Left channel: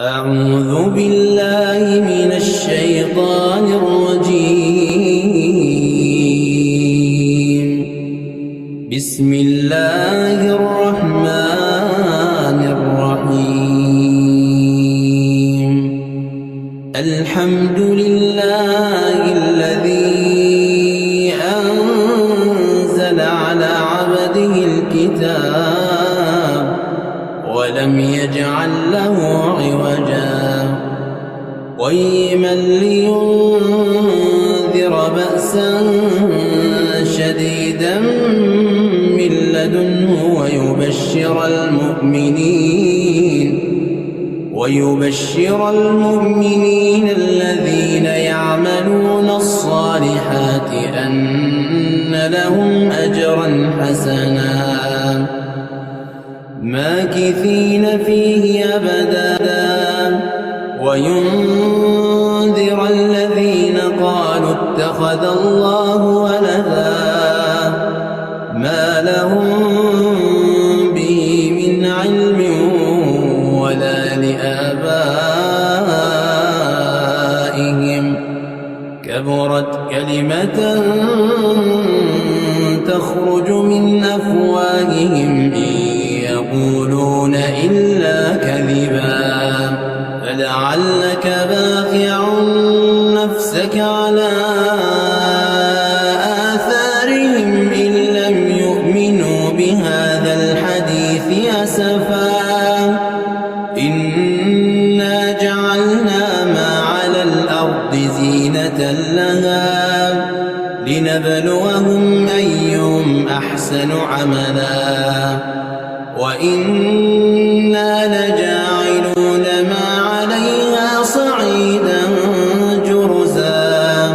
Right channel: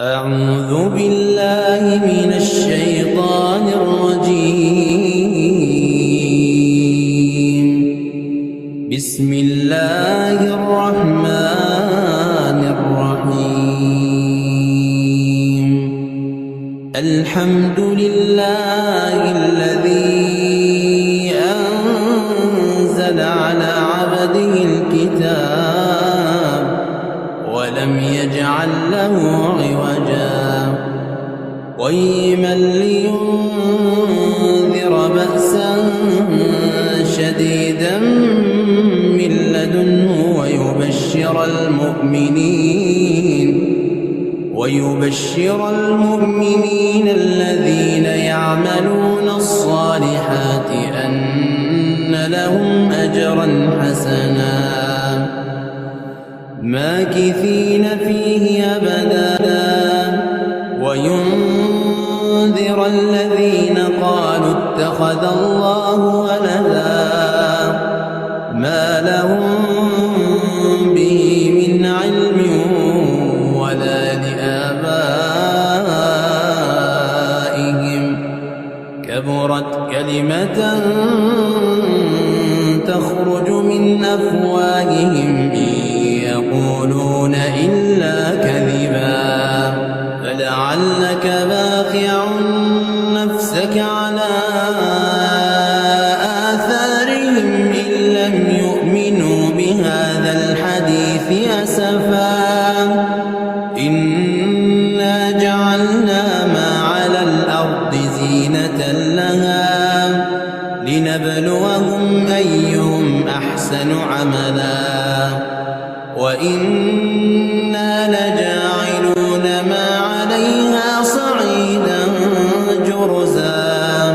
أعوذ بالله من الشيطان الرجيم. بسم الله الرحمن الرحيم. الحمد لله الذي أنزل على عبده الكتاب ولم يجعل له عوجا قيما لينذر بأسا شديدا من لدنه ويبشر المؤمنين الذين يعملون الصالحات أن لهم أجرا حسنا ماكثين فيه أبدا وينذر الذين قالوا اتخذ الله ولدا ما لهم به من علم ولا لآبائهم كبرت كلمة تخرج من أفواههم يقولون إلا كذبا فلعلك باخع نفسك على آثارهم إن لم يؤمنوا بهذا الحديث أسفا إنا جعلنا ما على الأرض زينة لها لنبلوهم أيهم أحسن عملا وإنا لجاعلون ما عليها صعيدا جرزا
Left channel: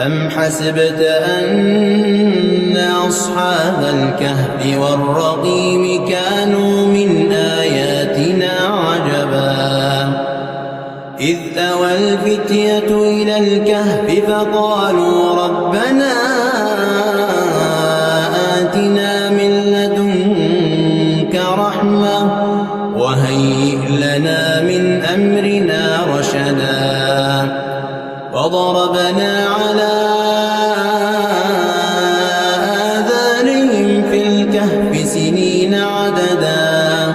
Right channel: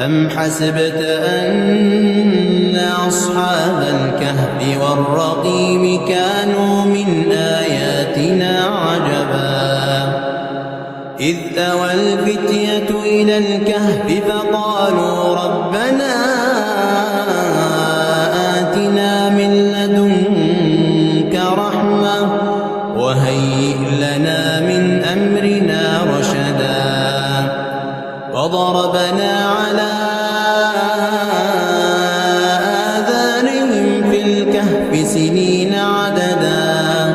أم حسبت أن أصحاب الكهف والرقيم كانوا من آياتنا عجبا إذ أوى الفتية إلى الكهف فقالوا ربنا آتنا من لدنك رحمة وهيئ لنا من أمرنا رشدا وضربنا على آذانهم في الكهف سنين عددا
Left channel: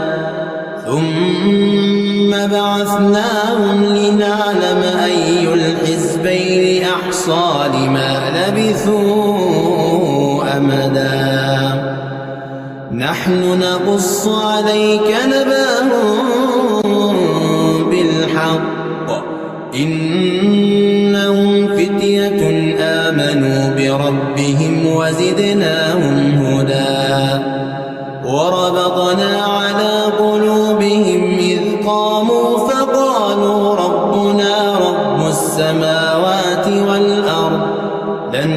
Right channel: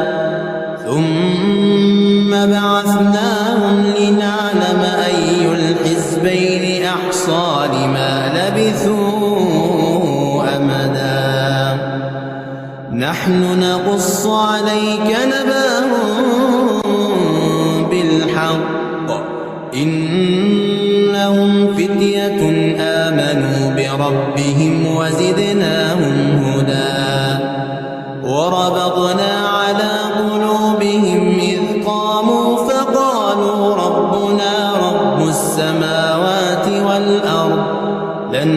ثم بعثناهم لنعلم أي الحزبين أحصى لما لبثوا أمدا نحن نقص عليك نبأهم بالحق إنهم فتية آمنوا بربهم وزدناهم هدى وربطنا على قلوبهم إذ قاموا فقالوا ربنا رب السماوات والأرض لن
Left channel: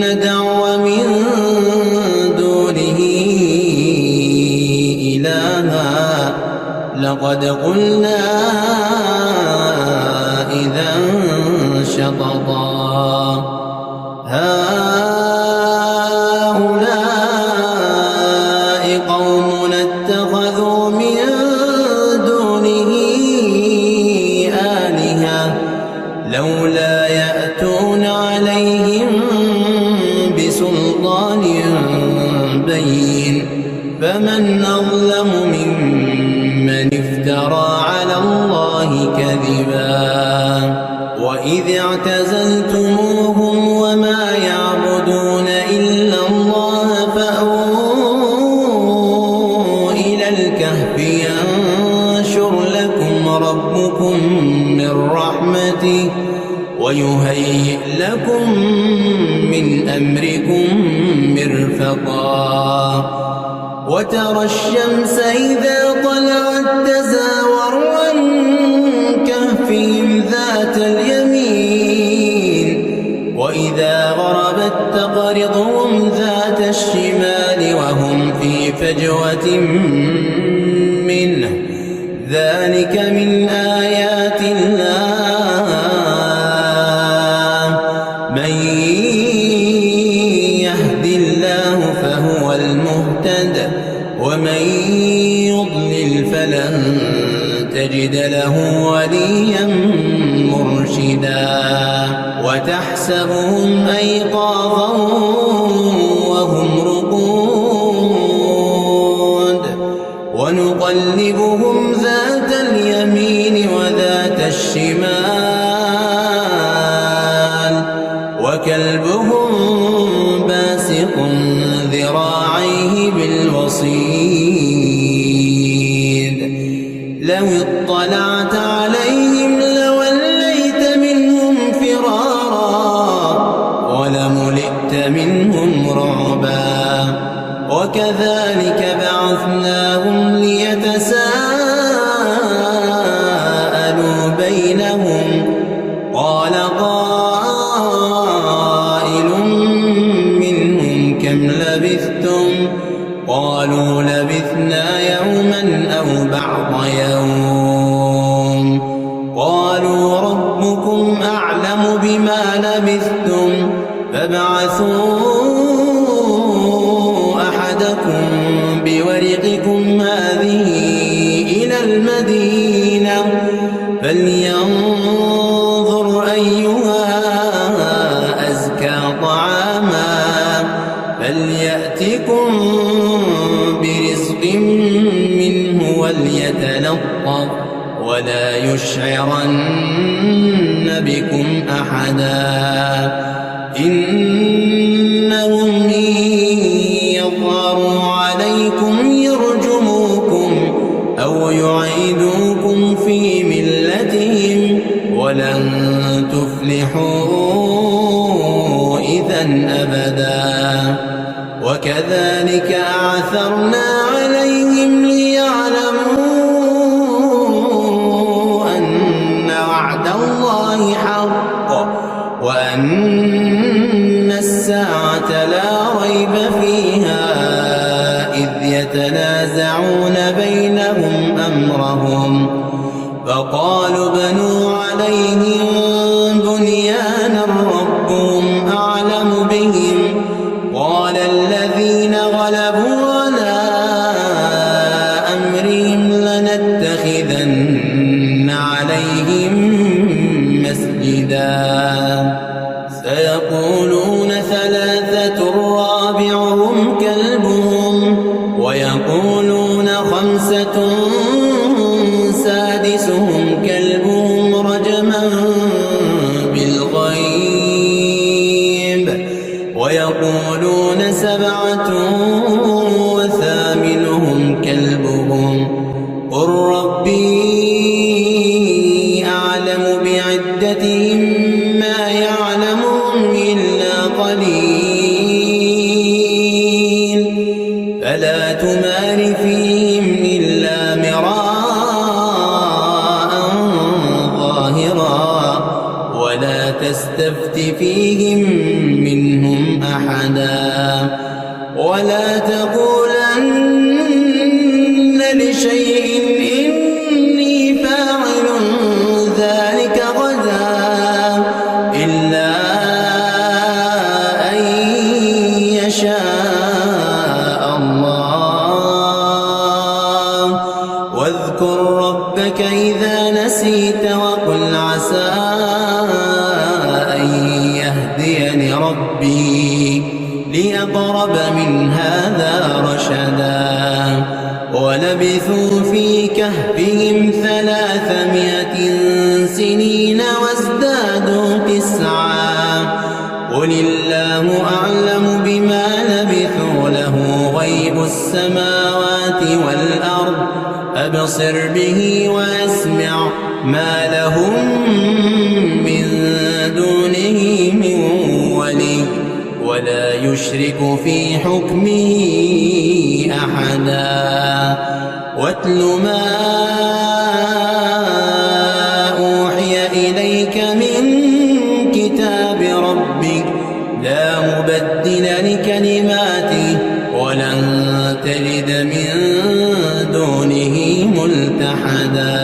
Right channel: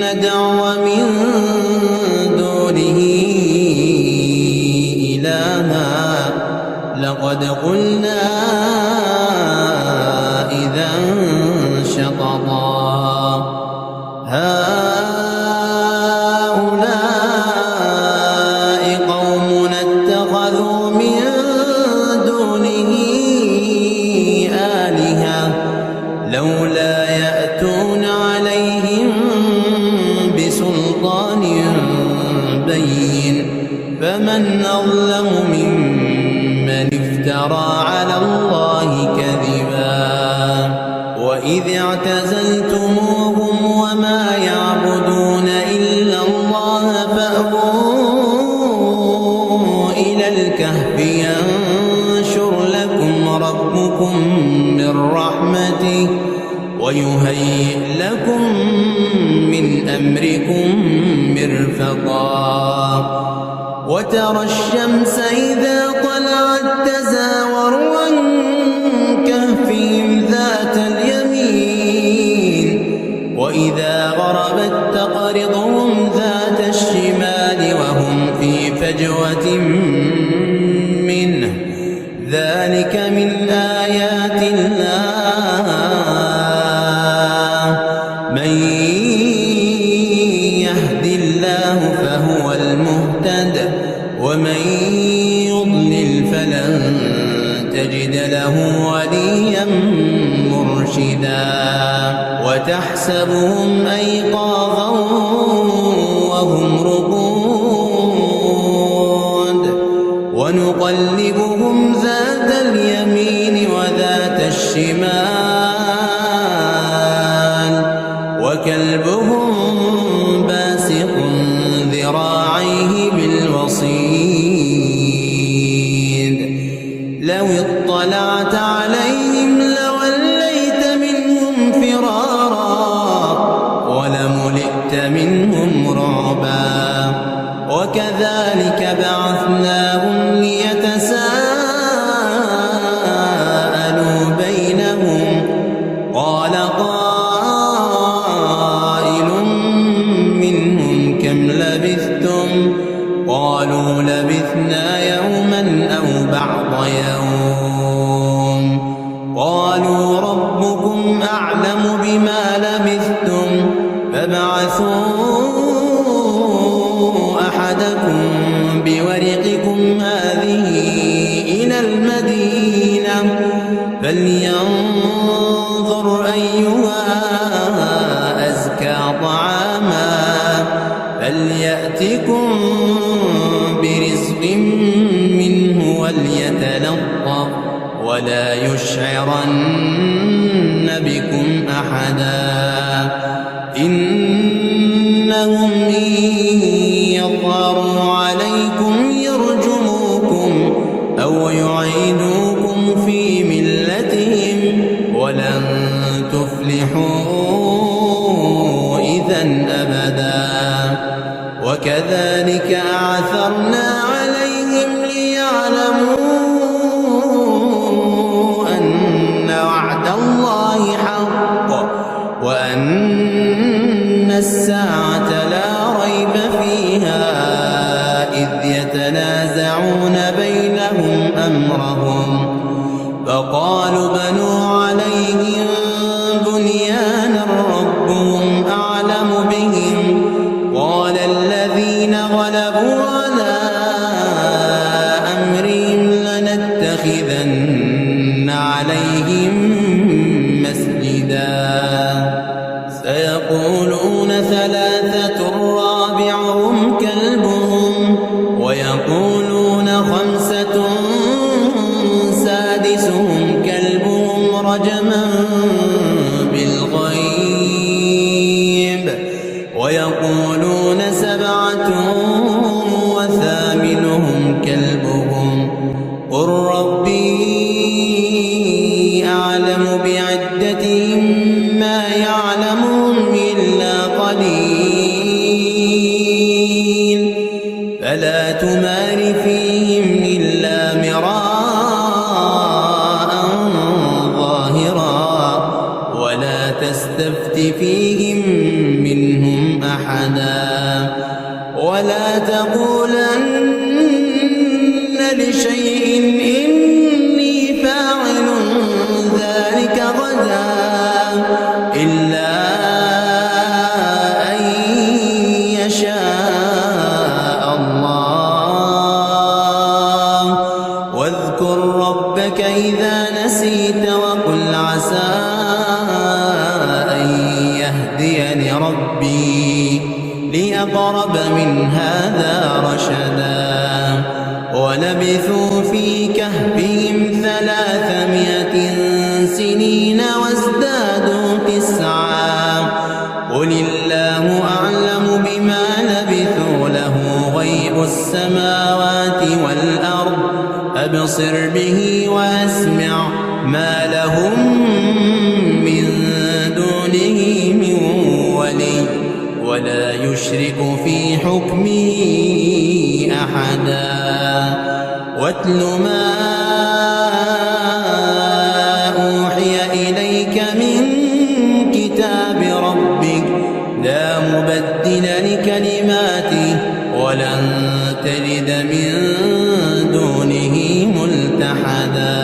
ندعو من دونه إلها لقد قلنا إذا شططا هؤلاء قومنا اتخذوا من دونه آلهة لولا يأتون عليهم بسلطان بين فمن أظلم ممن افترى على الله كذبا وإذ اعتزلتموهم وما يعبدون إلا الله فأووا إلى الكهف ينشر لكم ربكم من رحمته ويهيئ لكم من أمركم مرفقا وترى الشمس إذا طلعت تزاور عن كهفهم ذات اليمين وإذا غربت تقرضهم ذات الشمال وهم في فجوة منه ذلك من آيات الله من يهد الله فهو المهتد ومن يضلل فلن تجد له وليا مرشدا وتحسبهم أيقاظا وهم رقود ونقلبهم ذات اليمين وذات الشمال وكلبهم باسق ذراعيه بالوصيد لو اطلعت عليهم لوليت منهم فرارا ولملئت منهم رعبا وكذلك بعثناهم ليتساءلوا بينهم قال قائل منهم كم لبثتم قالوا لبثنا يوما أو بعض يوم قالوا ربكم أعلم بما لبثتم فابعثوا أحدكم بورقكم هذه إلى المدينة فلينظر أيها أزكى طعاما فليأتكم برزق منه وليتلطف ولا يشعرن بكم أحدا إنهم إن يظهروا عليكم يرجموكم أو يعيدوكم في ملتهم ولن تفلحوا إذا أبدا وكذلك أعثرنا عليهم ليعلموا أن وعد الله حق وأن الساعة لا ريب فيها إذ يتنازعون بينهم أمرهم فقالوا ابنوا عليهم بنيانا ربهم أعلم بهم قال الذين غلبوا على أمرهم لنتخذن عليهم مسجدا سيقولون ثلاثة رابعهم كلبهم ويقولون خمسة سادسهم كلبهم رجما بالغيب ويقولون سبعة وثامنهم كلبهم قل ربي أعلم بعدتهم ما يعلمهم إلا قليل فلا تمار فيهم إلا مراء ظاهرا ولا تستفت فيهم منهم أحدا ولا تقولن لشيء إني فاعل ذلك غدا إلا أن يشاء الله واذكر ربك إذا نسيت وقل عسى أن يهديني ربي لأقرب من هذا رشدا ولبثوا في كهفهم 300 سنين وازدادوا 9 قل الله أعلم بما لبثوا له غيب السماوات والأرض أبصر به وأسمع ما لهم من دونه من ولي ولا يشرك في حكمه أحدا واتل ما أوحي إليك من كتاب ربك لا مبدل لكلماته ولن تجد من دونه ملتحدا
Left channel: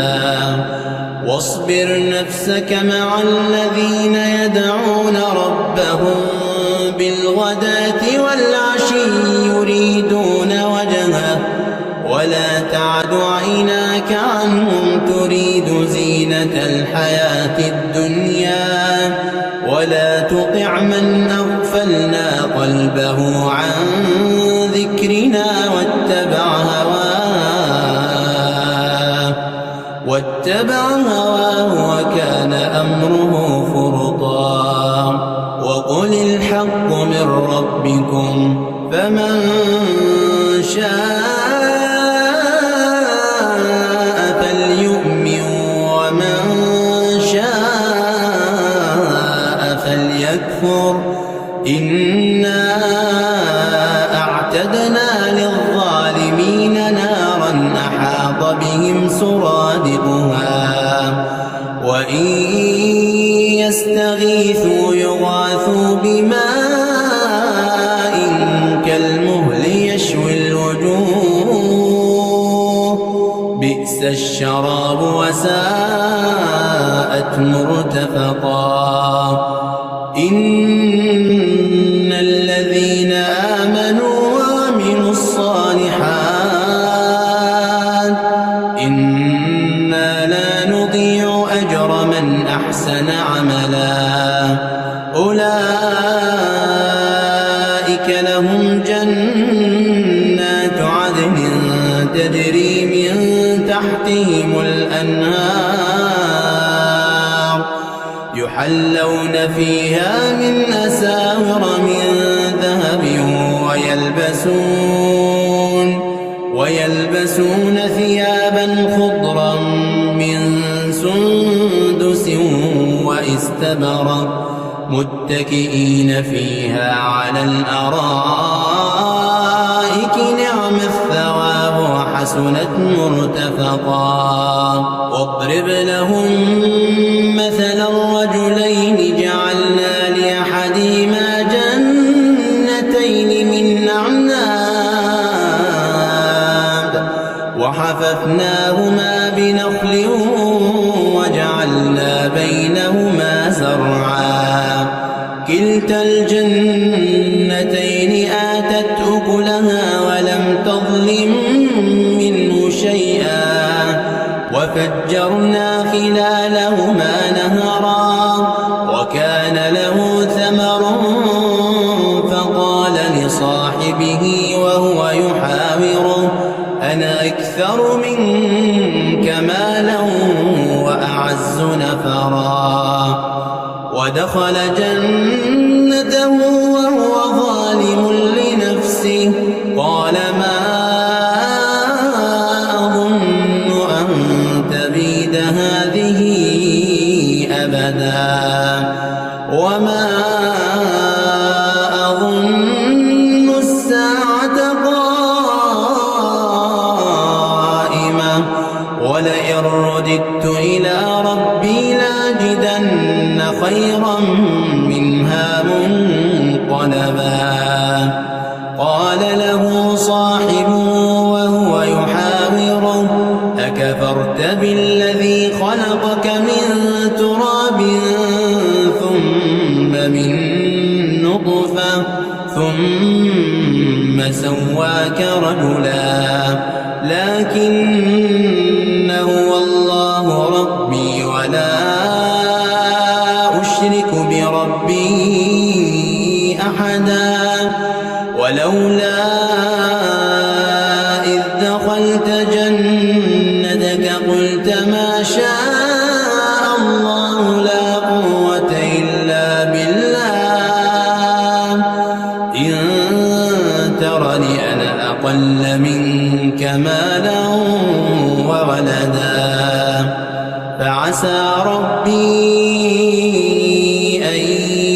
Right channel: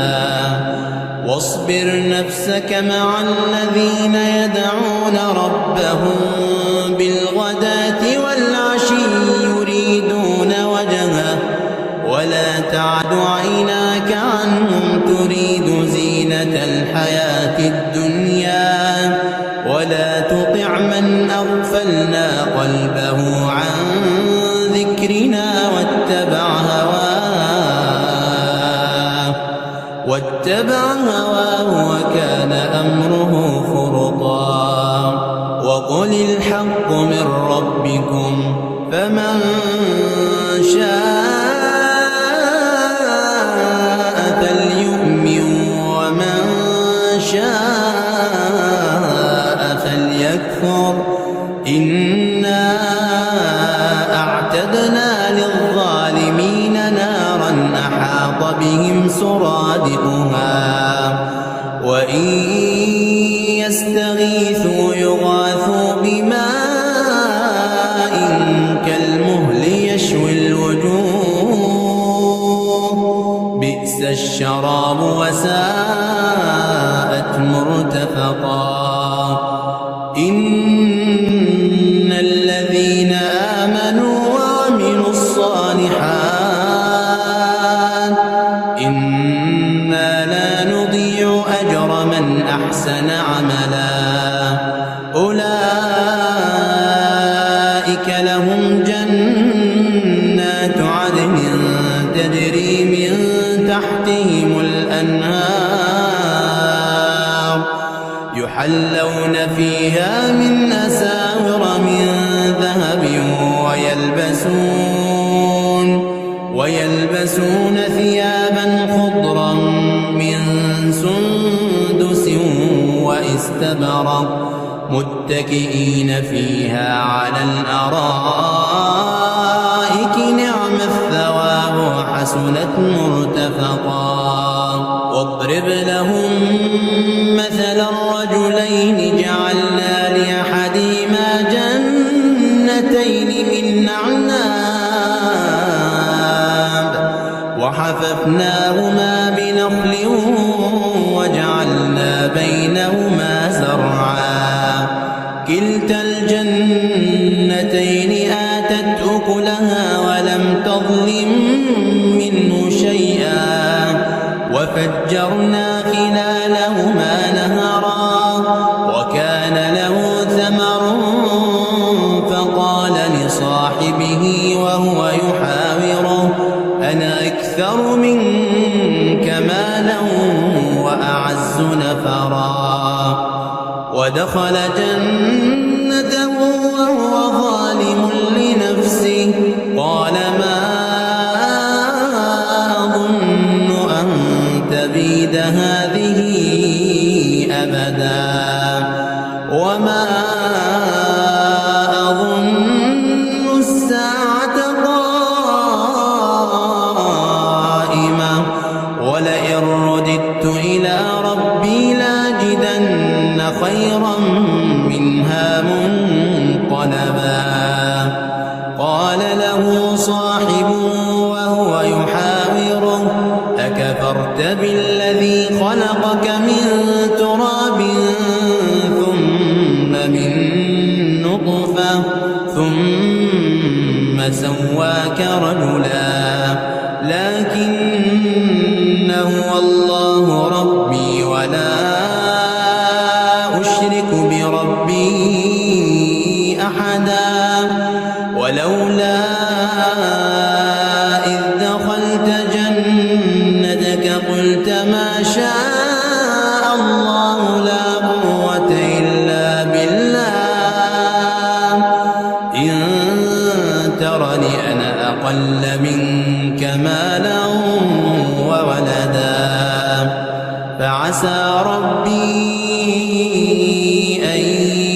واصبر نفسك مع الذين يدعون ربهم بالغداة والعشي يريدون وجهه ولا تعد عيناك عنهم تريد زينة الحياة الدنيا ولا تطع من أغفلنا قلبه عن ذكرنا واتبع هواه وكان أمره فرطا وقل الحق من ربكم فمن شاء فليؤمن ومن شاء فليكفر إنا أعتدنا للظالمين نارا أحاط بهم سرادقها وإن يستغيثوا يغاثوا بماء كالمهل يشوي الوجوه بئس الشراب وساءت مرتفقا إن الذين آمنوا وعملوا الصالحات إنا لا نضيع أجر من أحسن عملا أولئك لهم جنات عدن تجري من تحتهم الأنهار يحلون فيها من أساور من ذهب ويلبسون ثيابا خضرا من سندس واستبرق متكئين فيها على الأرائك نعم الثواب وحسنت مرتفقا واضرب لهم مثل الرجلين جعلنا لأحدهما جنتين من أعناب وحففناهما بنخل وجعلنا بينهما زرعا كلتا الجنتين آتت أكلها ولم تظلم منه شيئا وفجرنا خلالهما نهرا وكان له ثمر فقال لصاحبه وهو يحاوره أنا أكثر منك مالا وأعز نفرا ودخل جنته وهو ظالم لنفسه قال ما أظن أن تبيد هذه أبدا وما أظن الساعة قائمة ولئن رددت إلى ربي لاجدن خيرا منها منقلبا قال له صاحبه وهو يحاوره أكفرت بالذي خلقك من تراب ثم من نطفة ثم سواك رجلا لكن هو الله ربي ولا أشرك بربي أحدا ولولا إذ دخلت جنتك قلت ما شاء الله لا قوة إلا بالله إن ترني أنا أقل منك مالا وولدا فعسى ربي أن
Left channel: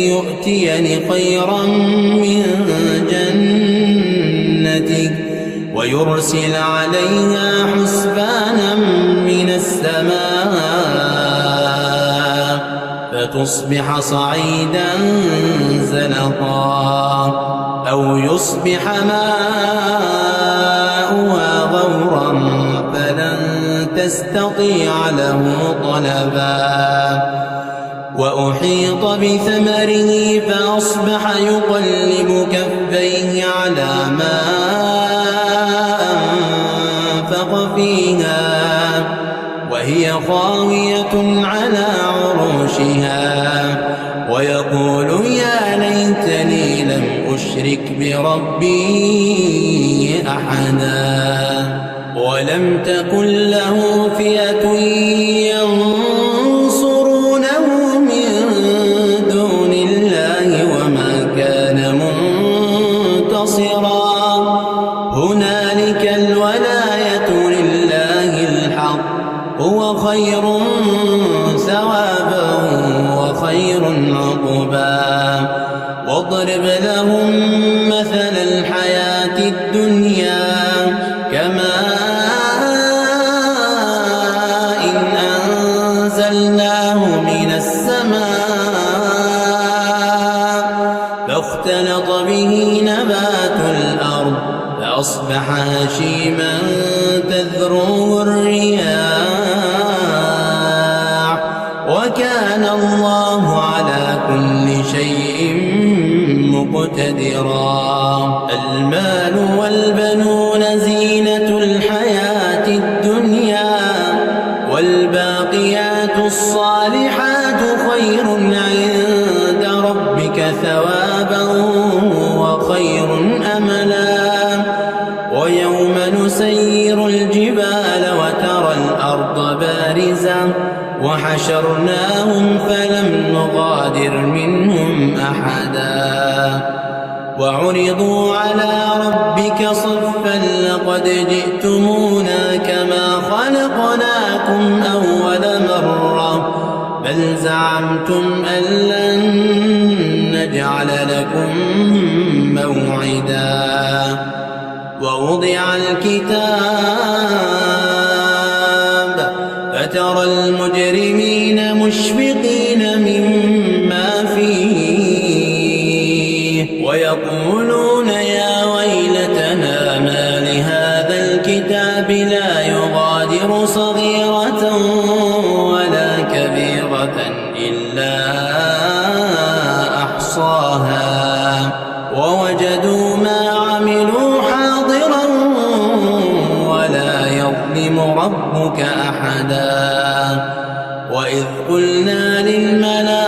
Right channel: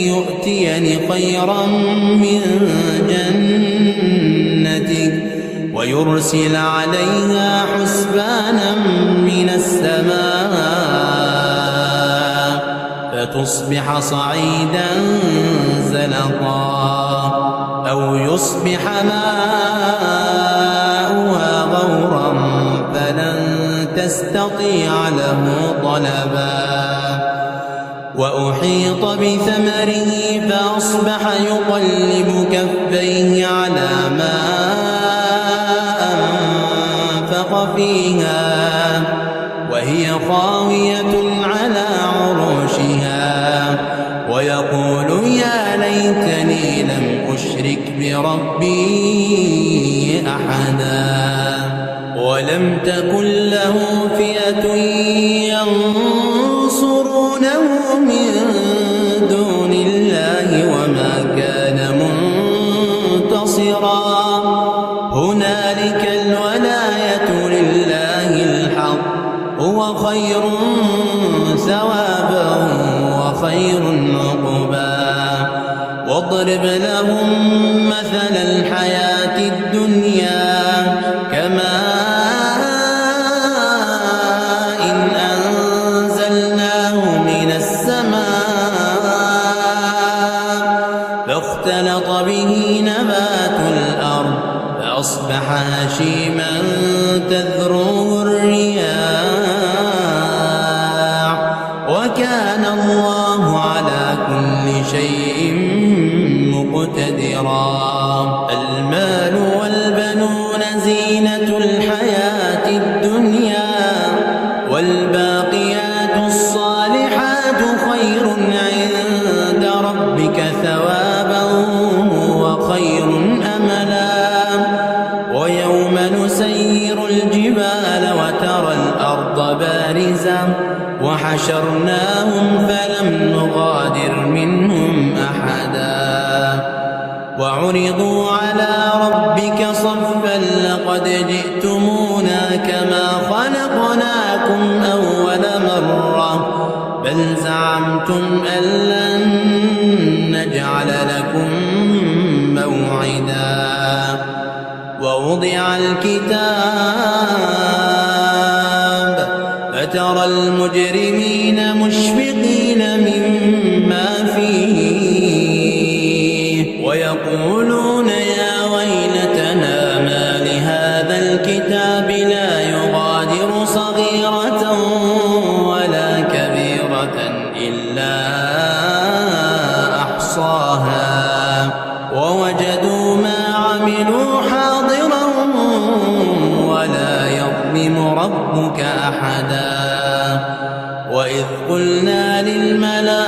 يؤتيني خيرا من جنتك ويرسل عليها حسبانا من السماء فتصبح صعيدا زلقا أو يصبح ماؤها غورا فلن تستطيع له طلبا وأحيط بثمره فأصبح يقلب كفيه على ما وأنفق فيها وهي خاوية على عروشها ويقول يا ليتني لم أشرك بربي أحدا ولم تكن له فئة ينصرونه من دون الله وما كان منتصرا هنالك الولاية لله الحق هو خير ثوابا وخير عقبا واضرب لهم مثل الحياة الدنيا كماء إن أنزلناه من السماء فاختلط به نبات الأرض فأصبح هشيما تذروه الرياح وكان الله على كل شيء مقتدرا المال والبنون زينة الحياة الدنيا والباقيات الصالحات خير عند ربك ثوابا وخير أملا ويوم نسير الجبال وترى الأرض بارزة وحشرناهم فلم نغادر منهم أحدا وعرضوا على ربك صفا لقد جئتمونا كما خلقناكم أول مرة بل زعمتم أن لن نجعل لكم موعدا ووضع الكتاب فترى المجرمين مشفقين مما فيه ويقولون يا ويلتنا ما لهذا الكتاب لا يغادر صغيرة ولا كبيرة إلا أحصاها ووجدوا ما عملوا حاضرا ولا يظلم ربك أحدا وإذ قلنا للملائكة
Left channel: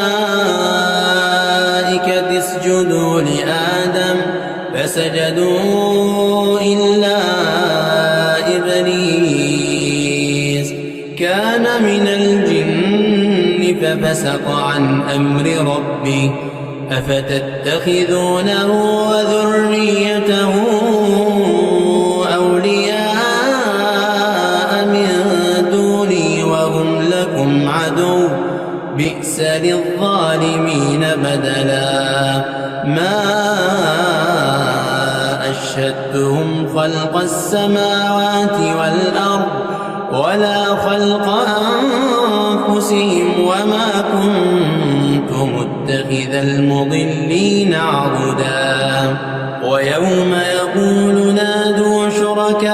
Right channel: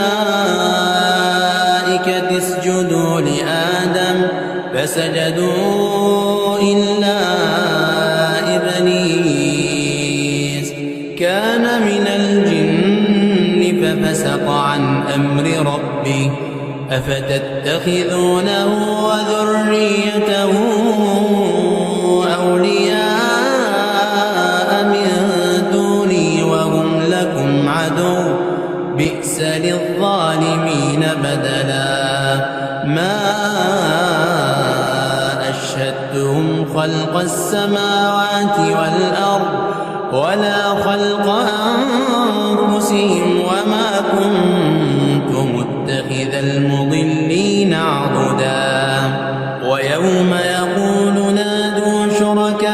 اسجدوا لآدم فسجدوا إلا إبليس كان من الجن ففسق عن أمر ربه أفتتخذونه وذريته أولياء من دوني وهم لكم عدو بئس للظالمين بدلا ما أشهدتهم خلق السماوات والأرض ولا خلق أنفسهم وما كنت متخذ المضلين عضدا ويوم يقول نادوا شركائي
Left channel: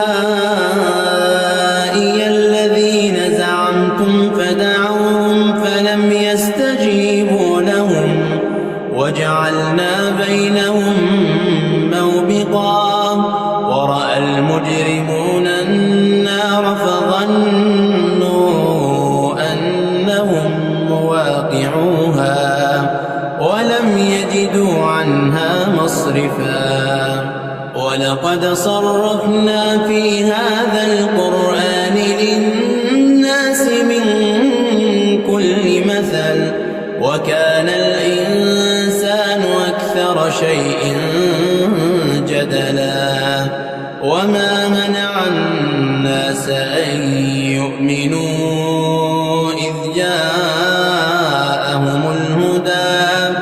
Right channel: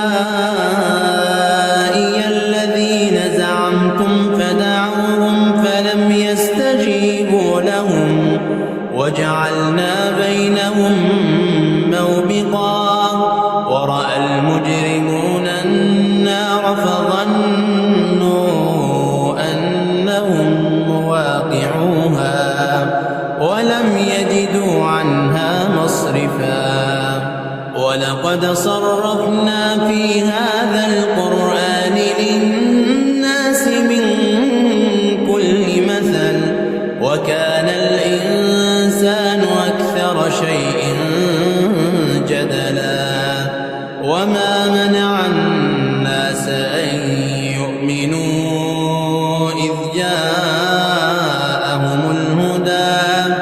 الذين زعمتم فدعوهم فلم يستجيبوا لهم وجعلنا بينهم موبقا ورأى المجرمون النار فظنوا أنهم مواقعوها ولم يجدوا عنها مصرفا ولقد صرفنا في هذا القرآن للناس من كل مثل وكان الإنسان أكثر شيء جدلا وما منع الناس أن يؤمنوا إذ جاءهم الهدى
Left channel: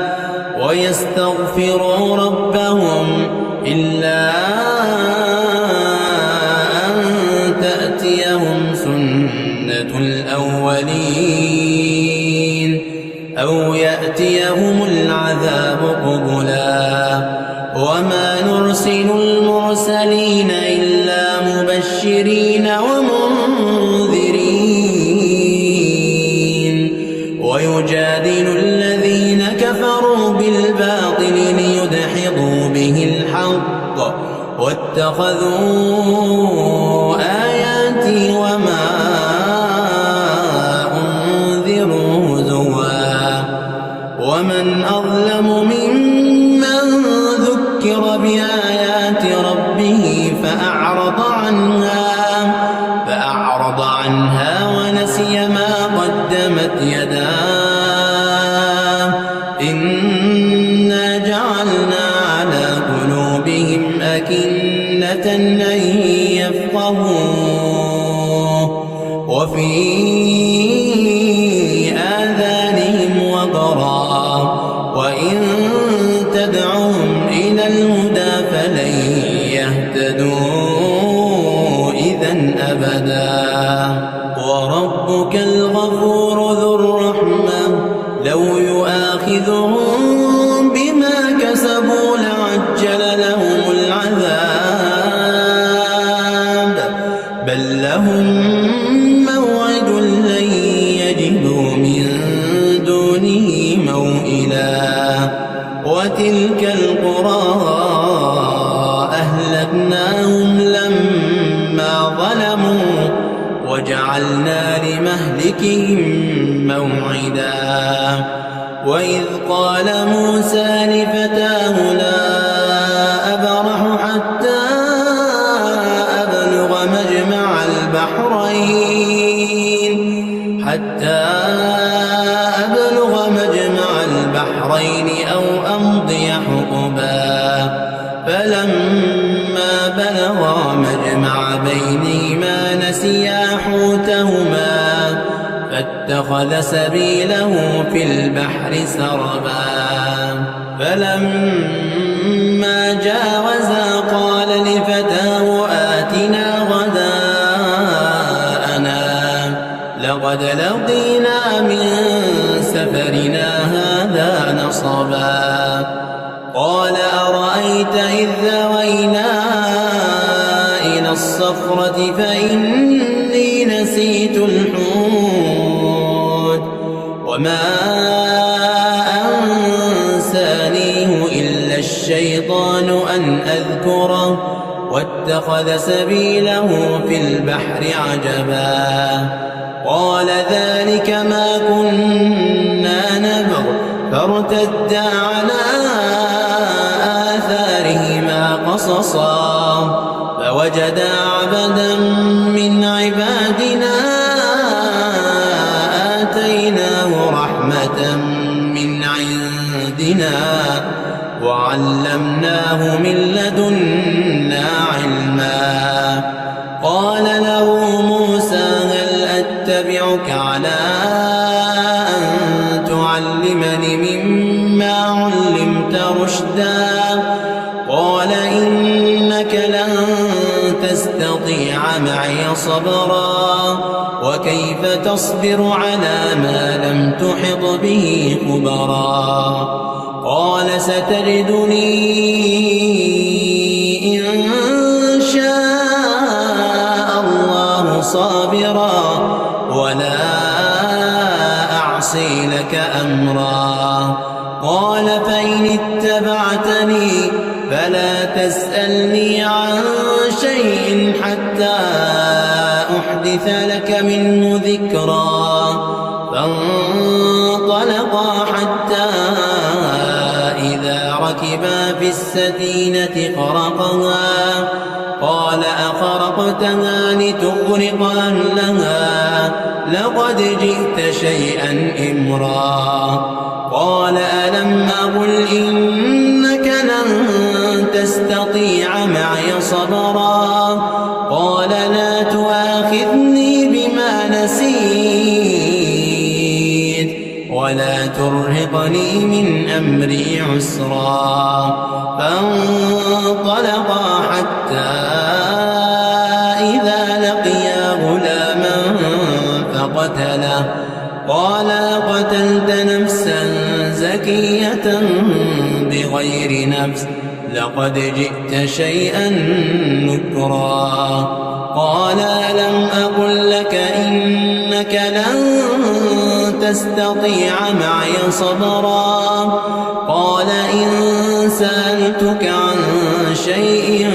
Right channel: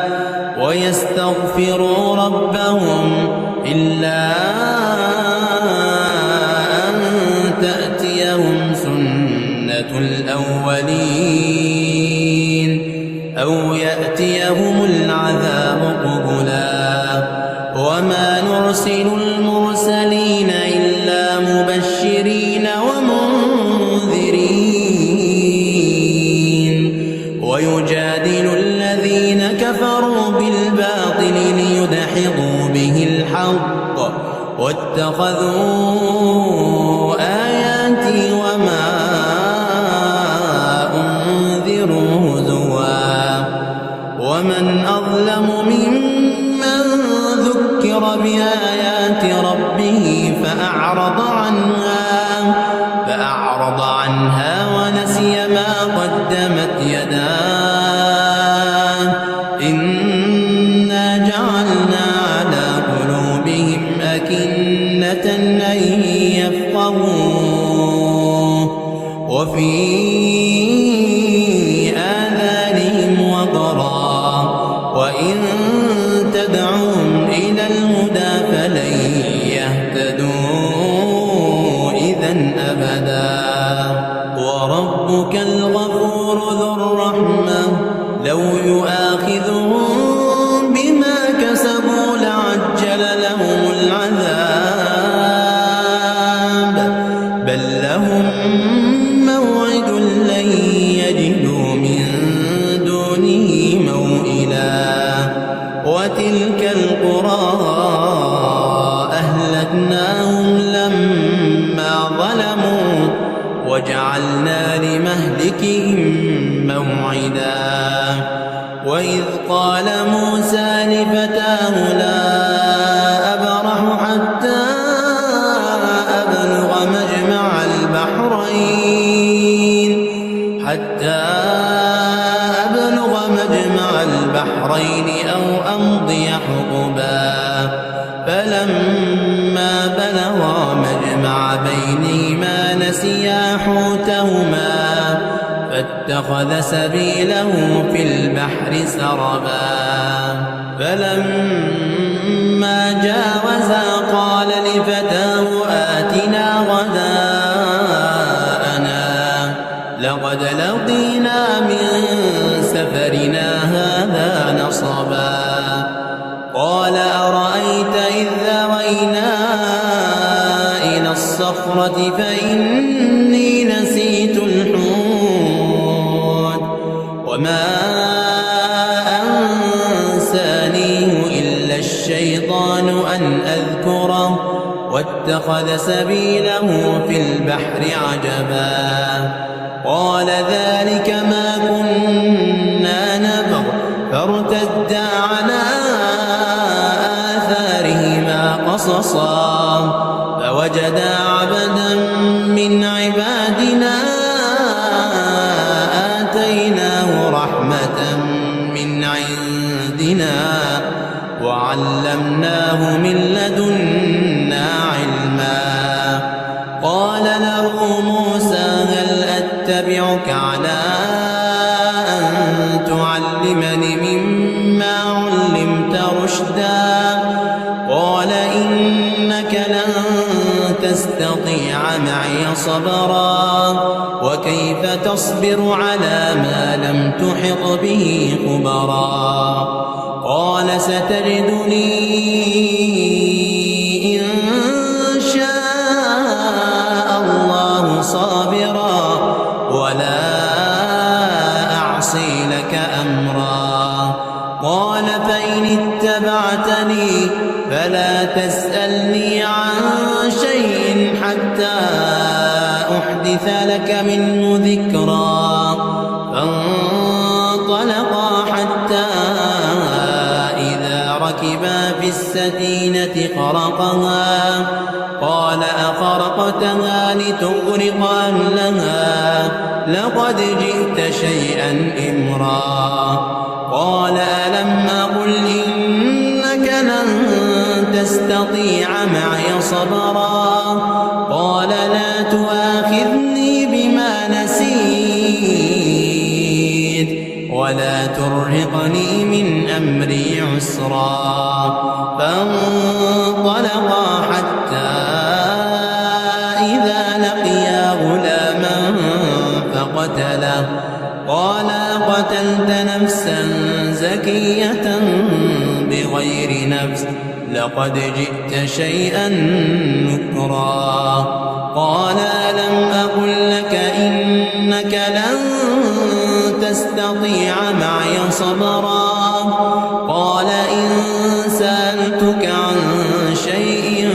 ويستغفروا ربهم إلا أن تأتيهم سنة الأولين أو يأتيهم العذاب قبلا وما نرسل المرسلين إلا مبشرين ومنذرين ويجادل الذين كفروا بالباطل ليدحضوا به الحق واتخذوا آيات وما أنذروا هزوا ومن أظلم ممن ذكر بآيات ربه فأعرض عنها ونسي ما قدمت يداه إنا جعلنا على قلوبهم أكنة أن يفقهوه وفي آذانهم وقرا وإن تدعوهم إلى الهدى فلن يهتدوا إذا أبدا وربك الغفور ذو الرحمة لو يؤاخذهم بما كسبوا لعجل لهم العذاب بل لهم موعد لن يجدوا من دونه موئلا وتلك القرى أهلكناهم لما ظلموا وجعلنا لمهلكهم موعدا وإذ قال موسى لفتاه لا أبرح حتى أبلغ مجمع البحرين أو أمضي حقبا فلما بلغا مجمع بينهما نسيا حوتهما فاتخذ سبيله في البحر سربا فلما جاوزا قال لفتاه آتنا غداءنا لقد لقينا من سفرنا هذا نصبا قال أرأيت إذ ذوينا إلى الصخرة فإني نسيت الحوت وما أنسانيه إلا الشيطان أن أذكره واتخذ سبيله في البحر عجبا قال ذلك ما كنا نبغ فارتدا على آثارهما قصصا فوجدا عبدا من عبادنا آتيناه رحمة من عندنا وعلمناه من لدنا علما قال له موسى هل أتبعك على أن تعلمني مما علمت رشدا قال إنك لن تستطيع معي صبرا وكيف تصبر على ما لم تحط به خبرا قال ستجدني إن شاء الله صابرا ولا أعصي لك أمرا قال فإن اتبعتني فلا تسألني عن شيء حتى أحدث لك منه ذكرا فانطلقا حتى إذا ركبا في السفينة خرقها قال أخرقتها لتغرق أهلها لقد جئت شيئا إمرا قال ألم أقل إنك لن تستطيع معي صبرا قال لا تؤاخذني بما نسيت ولا ترهقني من أمري عسرا فانطلقا حتى إذا لقيا غلاما فقتله قال قتلت نفسا زكية بغير نفس لقد جئت شيئا نكرا قال ألم أقل لك إنك لن تستطيع معي صبرا قال إن سألتك عن شيء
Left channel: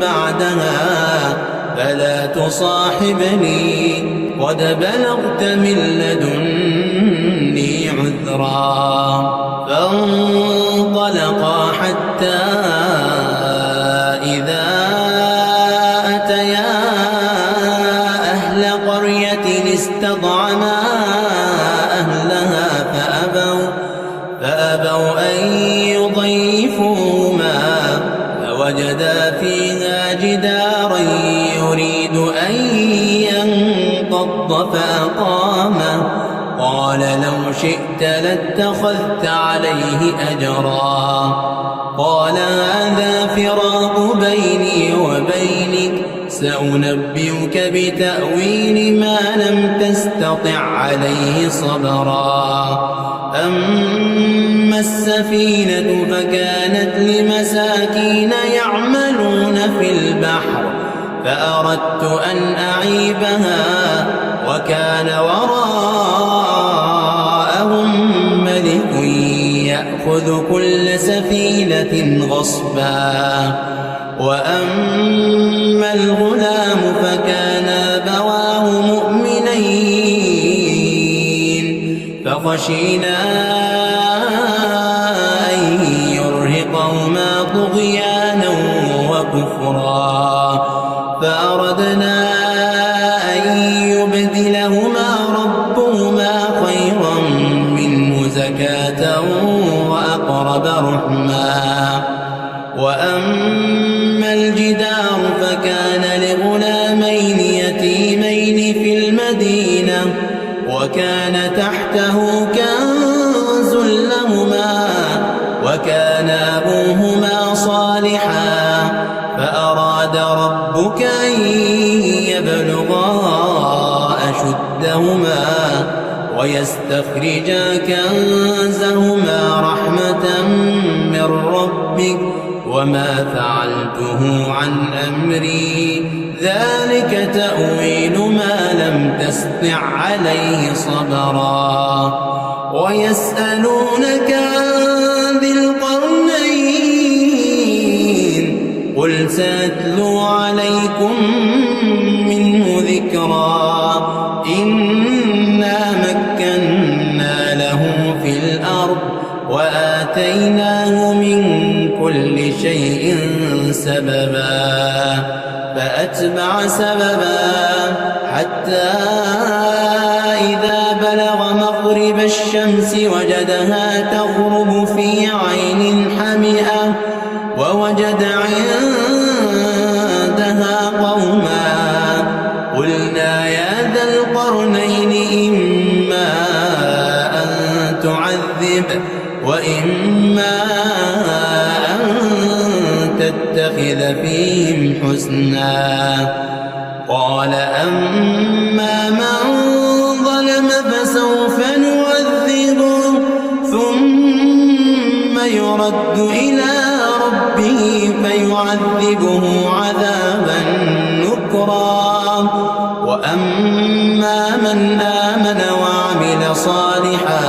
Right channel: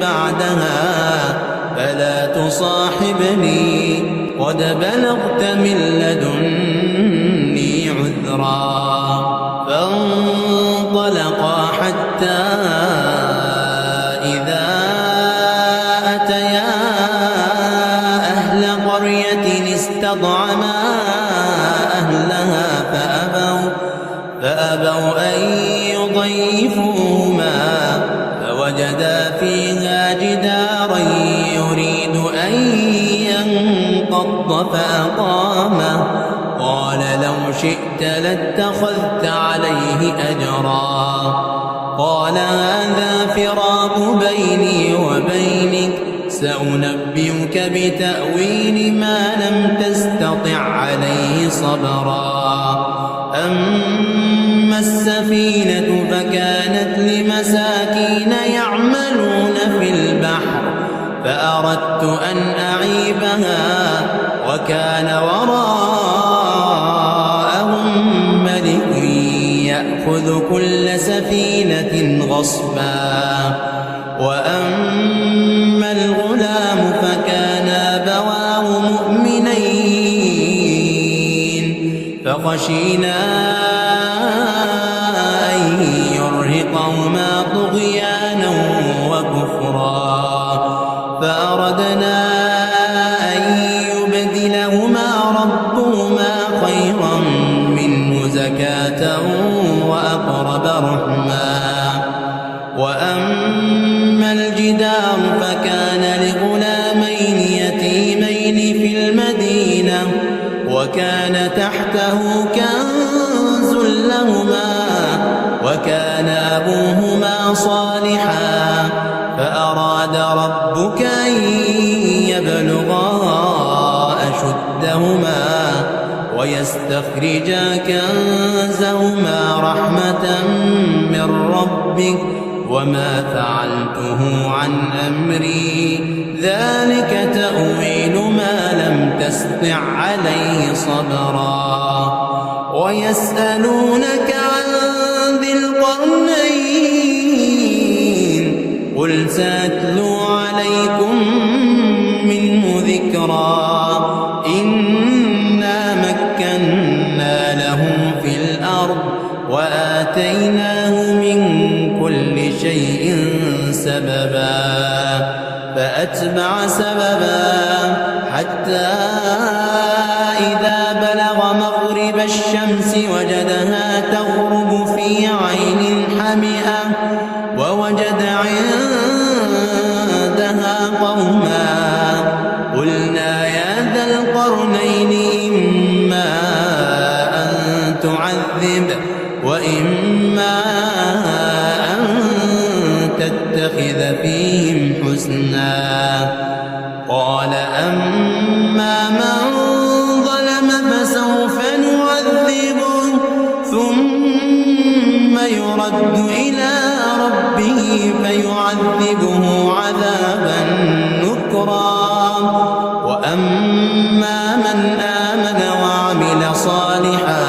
بعدها فلا تصاحبني قد بلغت من لدني عذرا. فانطلقا حتى إذا أتيا أهل قرية استطعما أهلها فأبوا أن يضيفوهما فوجدا فيها جدارا يريد أن ينقض فأقامه. قال لو شئت لاتخذت عليه أجرا. قال هذا فراق بيني وبينك سأنبئك بتأويل ما لم تستطع عليه صبرا. أما السفينة فكانت لمساكين يعملون في البحر فأردت أن أعيبها وكان وراءهم ملك يأخذ كل سفينة غصبا. وأما الغلام فكان أبواه مؤمنين فخشينا أن يرهقهما طغيانا وكفرا فأردنا أن يبدلهما ربهما خيرا منه زكاة وأقرب رحما. وأما الجدار فكان لغلامين يتيمين في المدينة وكان تحته كنز لهما وكان أبوهما صالحا فأراد ربك أن يبلغا أشدهما ويستخرجا كنزهما رحمة من ربك وما فعلته عن أمري ذلك تأويل ما لم تسطع عليه صبرا. ويسألونك عن ذي القرنين قل سأتلو عليكم منه ذكرا. إنا مكنا له في الأرض وآتيناه من كل شيء سببا. فأتبع سببا حتى إذا بلغ مغرب الشمس وجدها تغرب في عين حمئة ووجد عندها قوما قلنا يا ذا القرنين إما أن تعذب وإما أن تتخذ فيهم حسنا. قال أما من ظلم فسوف نعذبه ثم يرد إلى ربه فيعذبه عذابا نكرا. وأما من آمن وعمل صالحا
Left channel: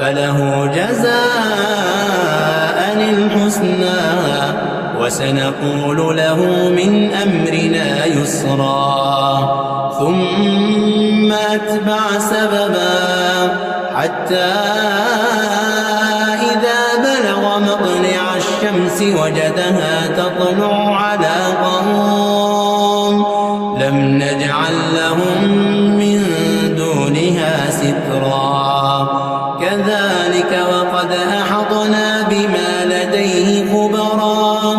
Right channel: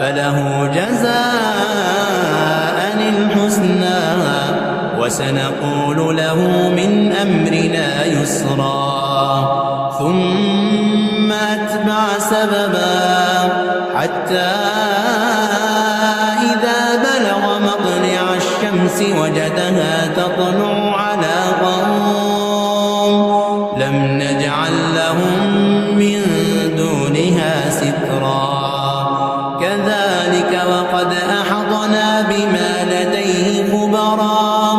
فله جزاء الحسنى وسنقول له من أمرنا يسرا. ثم أتبع سببا حتى إذا بلغ مطلع الشمس وجدها تطلع على قوم لم نجعل لهم من دونها سترا. كذلك وقد أحطنا بما لديه خبرا.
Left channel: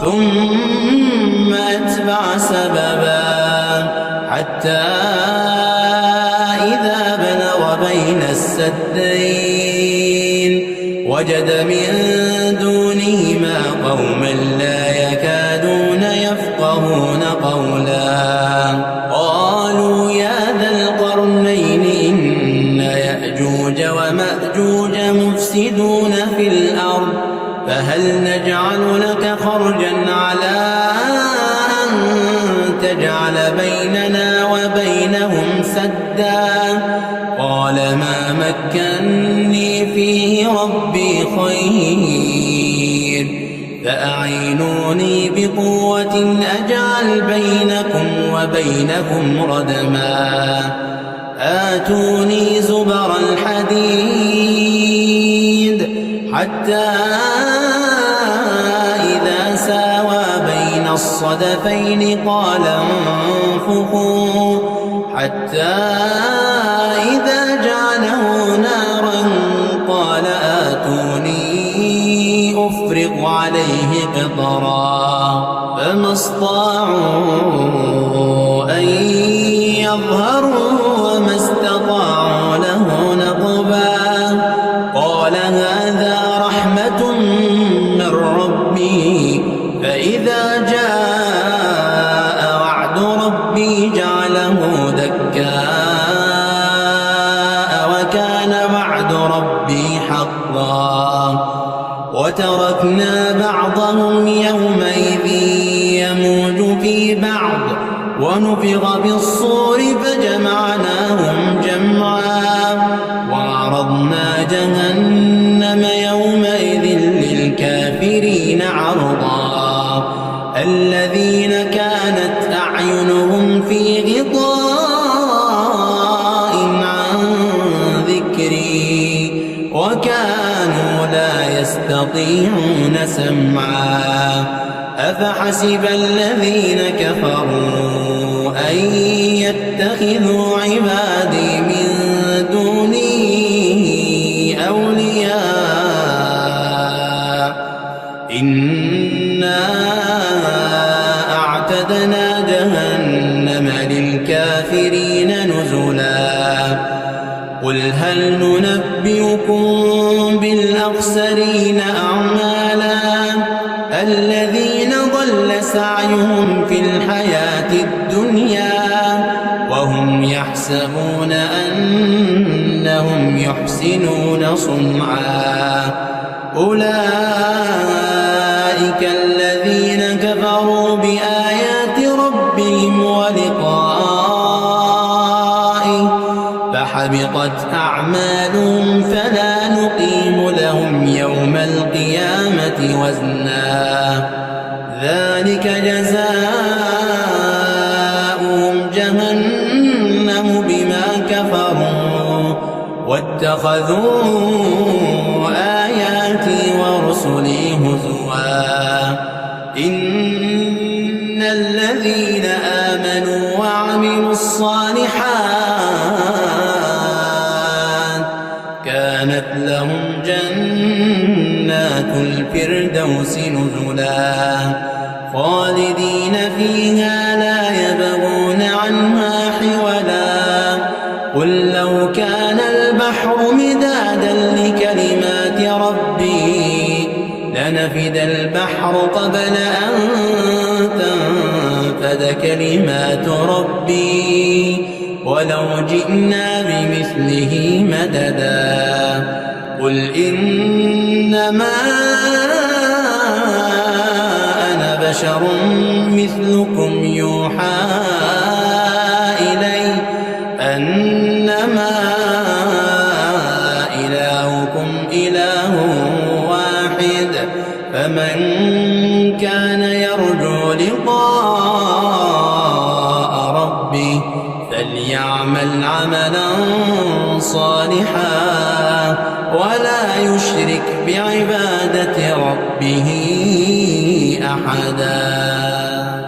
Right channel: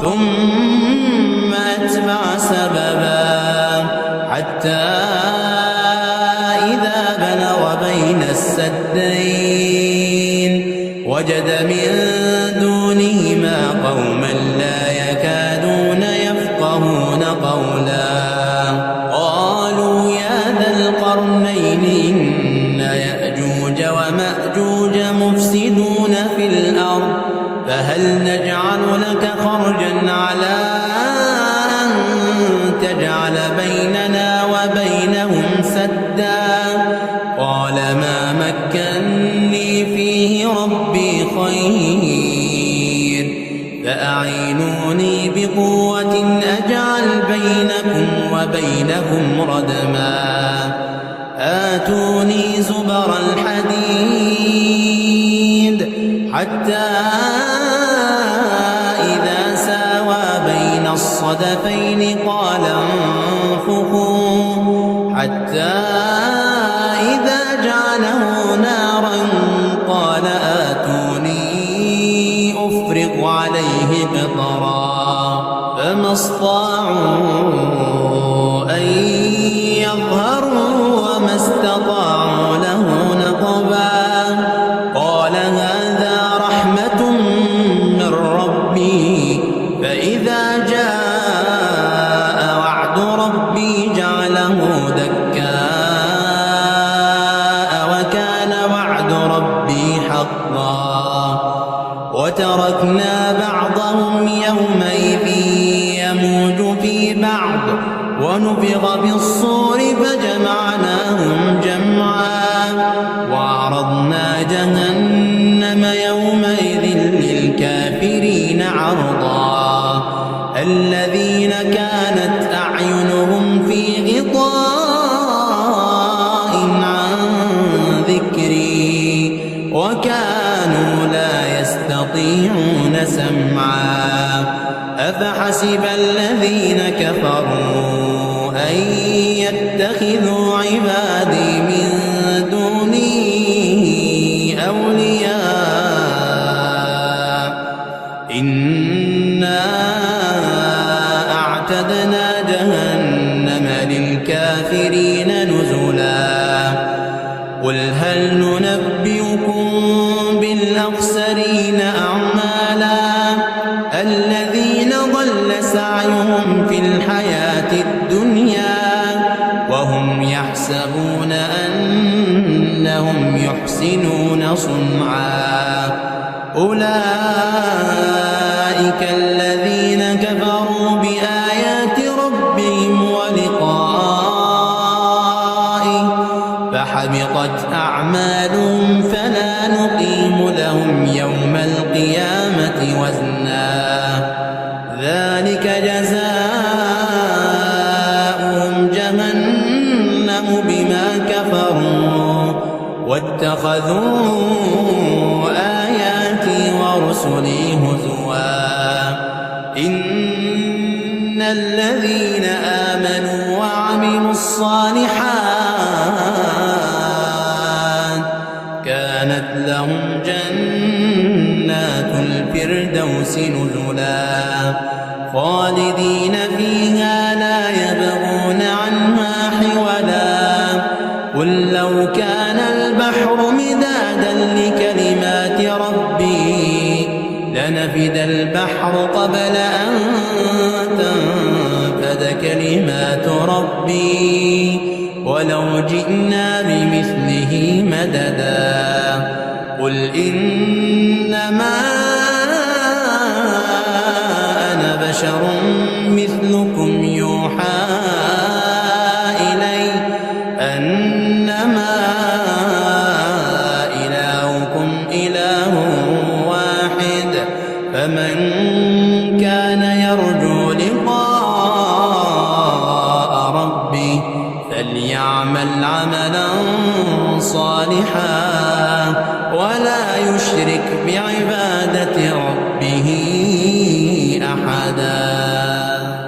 ثم أتبع سببا حتى إذا بلغ بين السدين وجد من دونهما قوما لا يكادون يفقهون قولا. قالوا يا ذا القرنين إن يأجوج ومأجوج مفسدون في الأرض فهل نجعل لك خرجا على أن تجعل بيننا وبينهم سدا. قال ما مكنني فيه ربي خير فأعينوني بقوة أجعل بينكم وبينهم ردما آتوني زبر الحديد حتى إذا ساوى بين الصدفين قال انفخوا حتى إذا جعله نارا قال آتوني أفرغ عليه قطرا فما استطاعوا أن يظهروا وما استطاعوا له نقبا قال هذا رحمة من ربي فإذا جاء وعد ربي جعله دكاء وكان وعد ربي حقا وتركنا بعضهم يومئذ يموج في بعض ونفخ بالصور فجمعناهم جمعا وعرضنا جهنم يومئذ للكافرين عرضا الذين كانت أعينهم في غطاء عن ذكري وكانوا لا يستطيعون سمعا أفحسب الذين كفروا أن يتخذوا عبادي من دوني أولياء إنا أعتدنا جهنم للكافرين نزلا قل هل ننبئكم بالأخسرين أعمالا الذين ضل سعيهم في الحياة الدنيا وهم يحسبون أنهم يحسنون صنعا أولئك الذين كفروا بآيات ربهم ولقائه فحبطت أعمالهم فلا نقيم لهم يوم القيامة وزنا ذلك جزاؤهم جهنم بما كفروا واتخذوا آياتي ورسلي هزوا إن الذين آمنوا وعملوا الصالحات كانت لهم جنات الفردوس نزلا خالدين فيها لا يبغون عنها حولا قل لو كان البحر مدادا لكلمات ربي لنفد البحر قبل أن تنفد كلمات ربي ولو جئنا بمثله مددا قل إنما أنا بشر مثلكم يوحى إلي أنما إلهكم إله واحد فمن كان يرجو لقاء ربه فليعمل عملا صالحا ولا يشرك بعبادة ربه أحدا.